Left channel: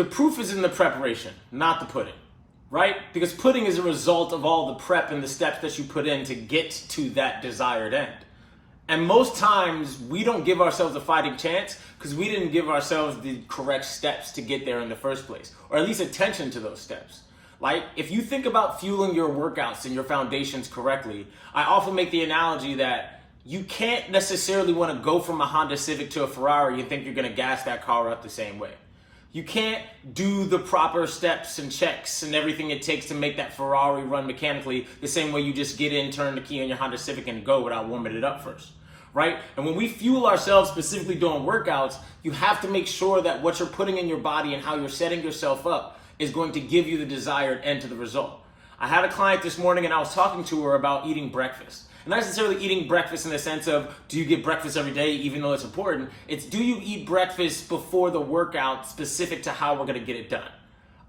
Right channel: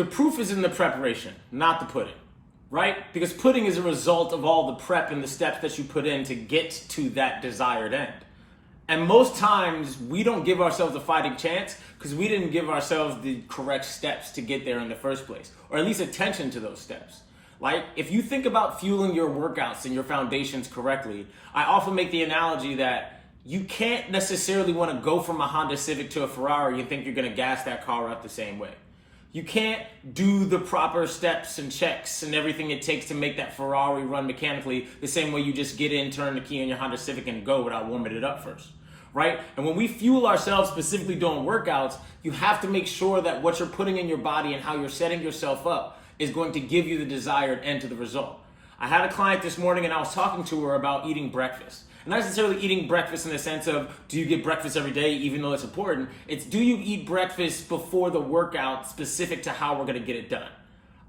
The proof is in the preparation, not the pudding, right? Because pudding is a result of all the prep and the steps that you put in to get to that desired end. And most times we don't give ourselves a fighting chance because we didn't give ourselves the correct steps to get there in the first place, or at least attention to those steps. Like, if you think about fueling your workouts and your foundations correctly, I often make the analogy that you can't necessarily want to go from a Honda Civic to a Ferrari and think you're going to gas that car up the same way. You can't do the proper steps and checks and everything it takes to make that Ferrari run mechanically the same way you just get in, turn the key on your Honda Civic and go without warming it up first, right? And when we fuel ourselves specifically doing workouts, you have to make sure that what you're putting in your body and how you're setting yourself up is going to give you the desired end to the result. I had a client this morning and I was talking to her about eating breakfast. And not necessarily eating breakfast in the sense of, do you get breakfast every day even though it's important? It's, do you eat breakfast before the workout specific to how we're gonna get it done?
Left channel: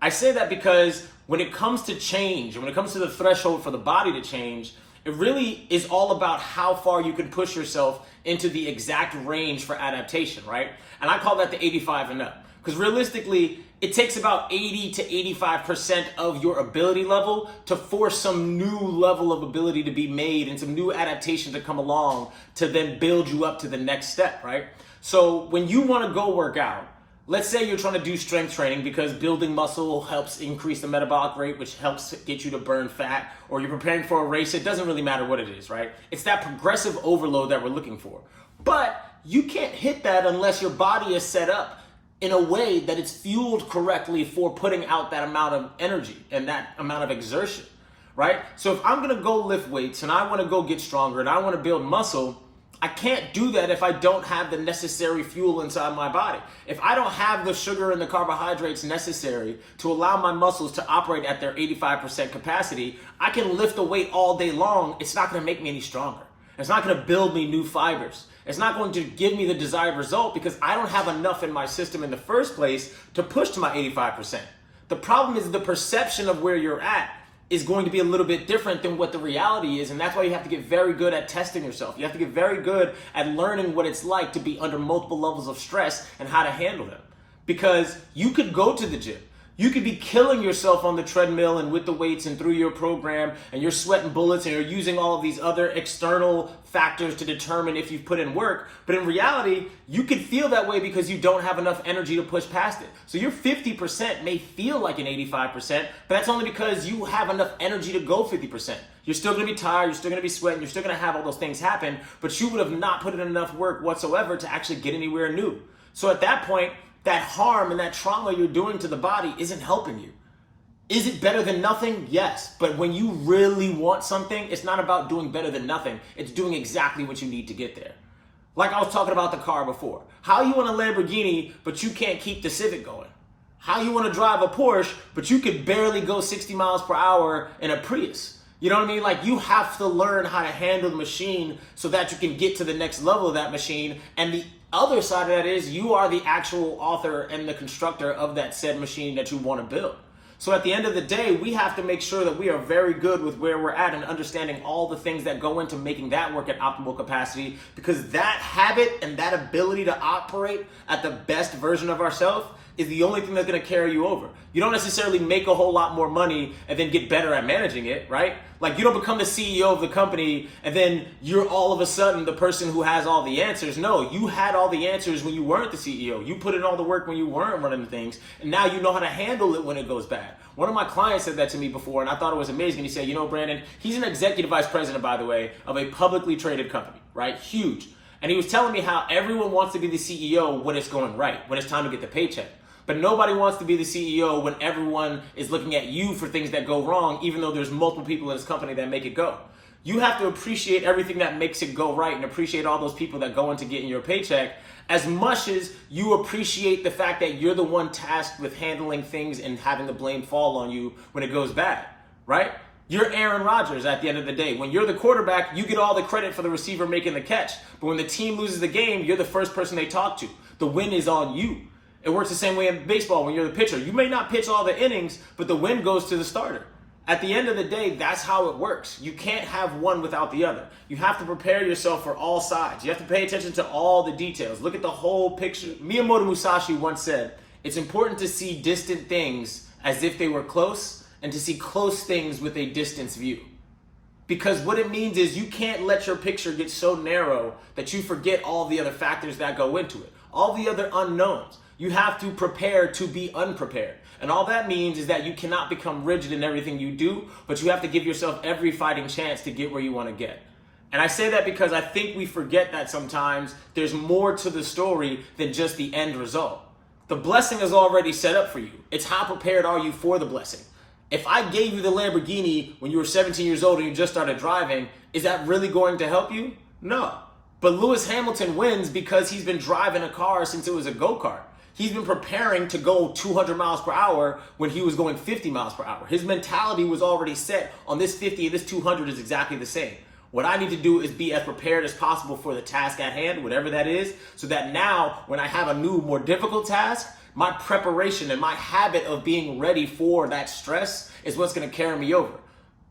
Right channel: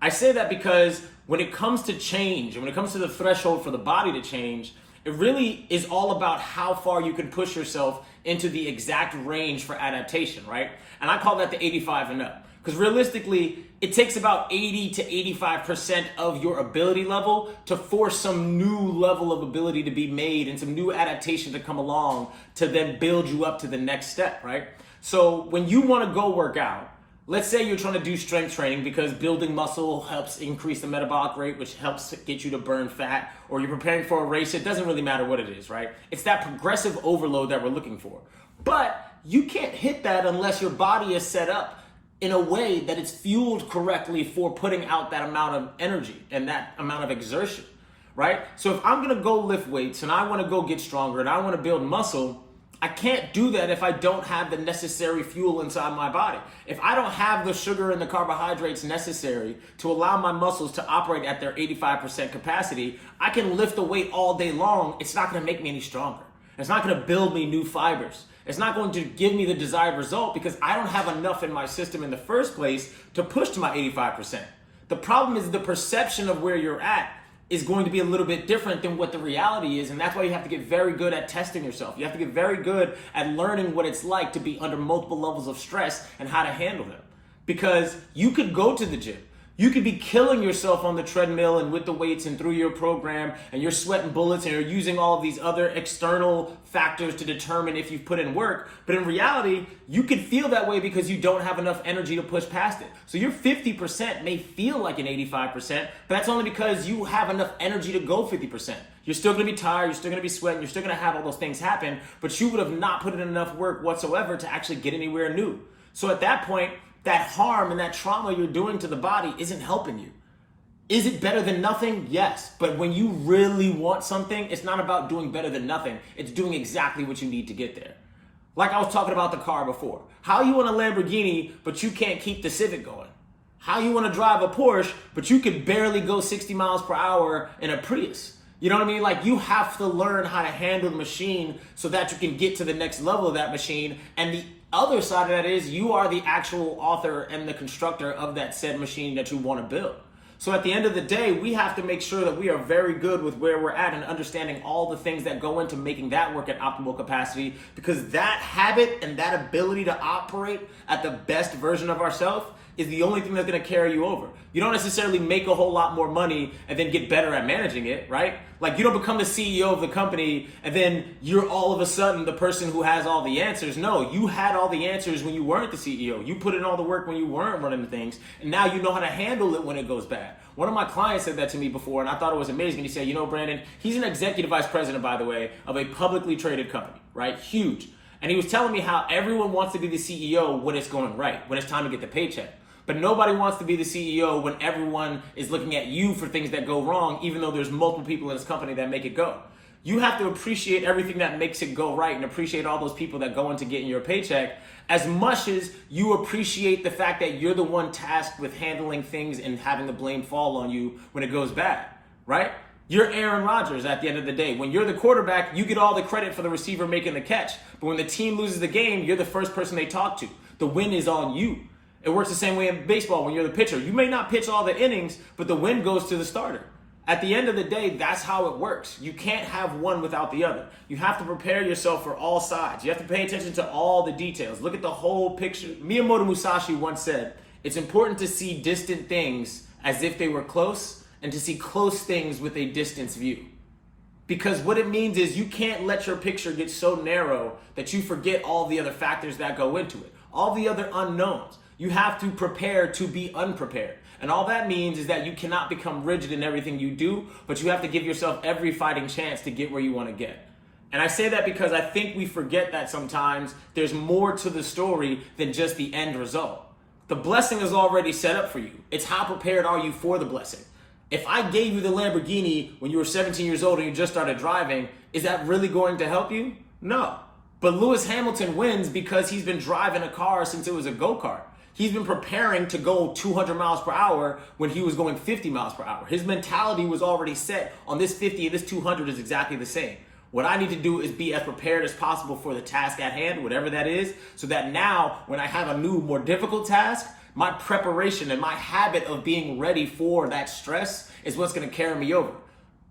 I say that because when it comes to change, and when it comes to the threshold for the body to change, it really is all about how far you can push yourself into the exact range for adaptation, right? And I call that the 85 and up. Because realistically, it takes about 80 to 85% of your ability level to force some new level of ability to be made and some new adaptation to come along to then build you up to the next step, right? So when you want to go work out, let's say you're trying to do strength training because building muscle helps increase the metabolic rate, which helps get you to burn fat, or you're preparing for a race. It doesn't really matter what it is, right? It's that progressive overload that we're looking for. But you can't hit that unless your body is set up in a way that it's fueled correctly for putting out that amount of energy and that amount of exertion, right? So if I'm gonna go lift weights and I wanna go get stronger and I wanna build muscle, I can't do that if I don't have the necessary fuel inside my body. If I don't have the sugar and the carbohydrates necessary to allow my muscles to operate at their 85% capacity, I can lift the weight all day long. It's not gonna make me any stronger. It's not gonna build me new fibers. It's not going to give me the desired result because I don't have enough in my system in the first place to push to my 85%. The problem is the perception of where you're at is going to be a little bit different than what the reality is, and that's why you have to get very good at testing yourself. You have to get very good at learning what it's like to be under multiple levels of stress and how to handle them. Because you could go to the gym, you could be killing yourself on the treadmill and with the weights and through your program, and you're sweating bullets and you're using all of these other external factors to determine if you've put in work. But in reality, you could feel that way because you don't have enough energy to push past it. So your 50% may feel like an 85%, but that's only because you have enough energy to go 50%. You're still gonna be tired, you're still gonna be sweating, you're still gonna have all those things happen, but you would have not put in enough work whatsoever to actually get anywhere new. So at that point, that harm and that trauma you're doing to the body isn't helping you. Is it better than nothing? Yes. But when you really want something, it's not about doing better than nothing. It's doing exactly what you need to get there. Like I was talking about the car before. How you want a Lamborghini, but you can't keep the Civic going? How you want to drive a Porsche, but you could barely go 60 miles per hour in a Prius? You know what I mean? Like, you have to learn how to handle the machine so that you can get to the next level of that machine. And the other side of that is you are the actual author and the constructor of that said machine that you want to build. So at the end of the day, we have to make sure that we are very good with where we're at and understanding all the things that go into making that work at optimal capacity, because that habit and that ability to operate at the best version of ourselves is the only thing that's going to carry you over. You don't necessarily make a whole lot more money and then get better at managing it, right? Like, you don't become the CEO of the company and then you're all of a sudden the person who has all the answers. No, you had all the answers when you weren't the CEO. You put in all the work when you weren't running the things, and now you know how to handle it when it goes bad. One of my clients said that to me before, and I thought it was amazing. He said, you know, Brandon, he's an executive vice president, by the way, of a publicly traded company, right? Huge. And he was telling me how everyone wants to be the CEO when it's going right, when it's time to get the paycheck. But nobody wants to be the CEO when everyone is looking at you for things that go wrong, even though there's multiple people in this company that make it go. You have to appreciate everything that makes it go right and appreciate all those people that go into getting your paycheck as much as you appreciate the fact that you're the one tasked with handling things and having the blame fall on you when it goes bad, right? You're Aaron Rodgers at the end of the day. When you're the quarterback, you get all the credit for the receiver making the catch. But when the team loses the game, you're the first person they talk to. The win is on you. It works the same way in baseball when you're the pitcher. You may not pitch all the innings, but the win goes to the starter. At the end of the day, that's how it works. You can't have one without the other. You have to prepare yourself for all sides. You have to pay attention to all the details. Look at the whole picture. Miyamoto Musashi once said, It's important to see distant things as if they were close and to see close things with a distance view. Because what it means is you can't let your picture get so narrow that you forget all the other factors that go into it, all the other unknowns. You have to prepare to be unprepared. And all that means is that you cannot become rigid in everything you do, but you have to give yourself every fighting chance to get where you want to get. And I say that because I think we forget that sometimes there's more to the story than just the end result. The blessing is already set up for you. It's how prepared are you for the blessing. If I gave you the Lamborghini when you were 17 years old and you just started driving, is that really going to help you? No. But Lewis Hamilton wins because he's been driving a car since it was a go-kart. He's been preparing to go 200 miles per hour when he was going 50 miles per hour. His mentality was already set on this 50 and this 200 is exactly the same. What I need to do is be as prepared as possible for the task at hand, whatever that is, so that now when I have a new, more difficult task, my preparation and my habit of being ready for that stress is what's going to carry me over.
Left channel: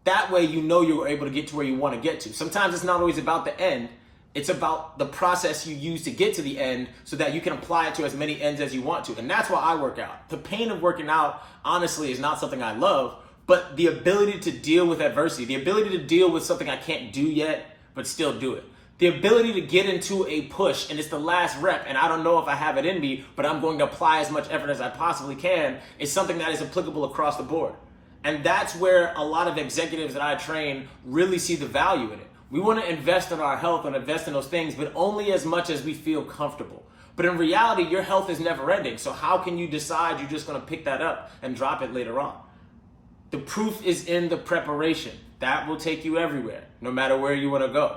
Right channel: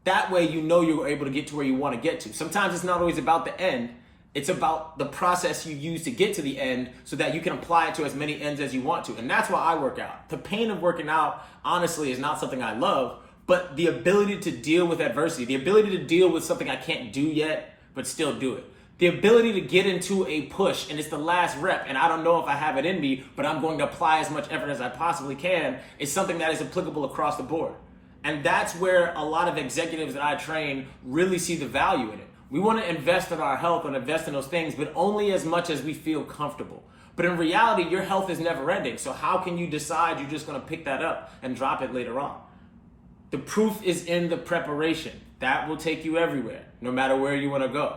That way you know you're able to get to where you want to get to. Sometimes it's not always about the end. It's about the process you use to get to the end so that you can apply it to as many ends as you want to. And that's why I work out. The pain of working out, honestly, is not something I love, but the ability to deal with adversity, the ability to deal with something I can't do yet, but still do it. The ability to get into a push and it's the last rep and I don't know if I have it in me, but I'm going to apply as much effort as I possibly can is something that is applicable across the board. And that's where a lot of executives that I train really see the value in it. We want to invest in our health and invest in those things, but only as much as we feel comfortable. But in reality, your health is never ending. So how can you decide you're just going to pick that up and drop it later on? The proof is in the preparation. That will take you everywhere, no matter where you want to go.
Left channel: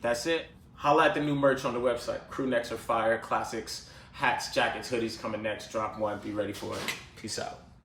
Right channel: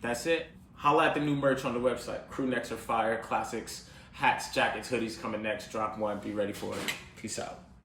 That's it. Holla at the new merch on the website. Crew necks are fire, classics, hats, jackets, hoodies coming next. Drop one, be ready for it. Peace out.